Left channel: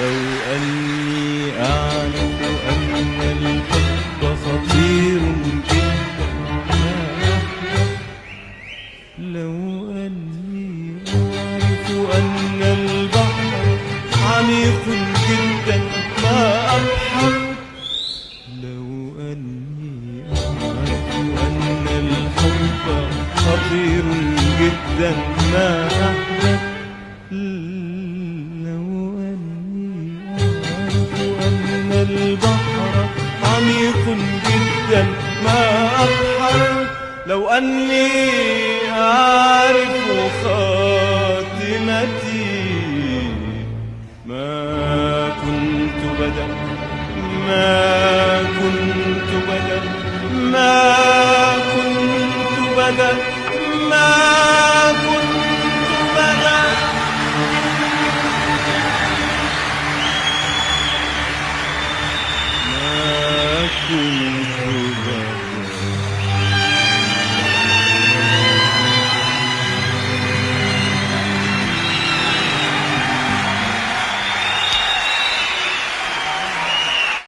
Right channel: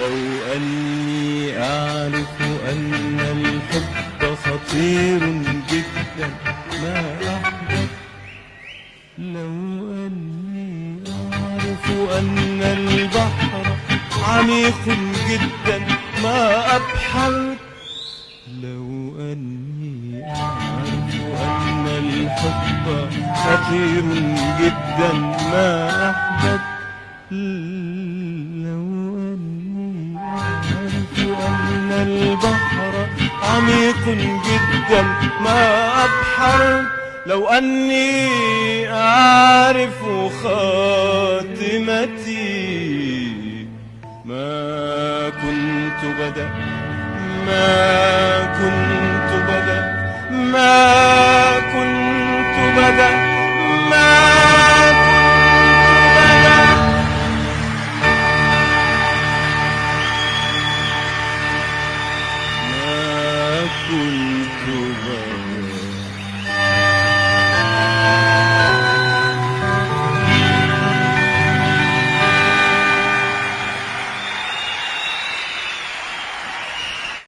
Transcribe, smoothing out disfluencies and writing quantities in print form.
لو أني أعرف أن الحب خطير جدا ما أحبب. لو أني أعرف أن البحر عميق جدا ما أبحر. لو أني أعرف أن الحب خطير جدا ما أحبب. لو أني أعرف أن البحر عميق جدا ما أبحر. لو أني أعرف خاتمتي ما كنت بدأ ما كنت بدأ ما كنت بدأ ما كنت بدأ. ما كنت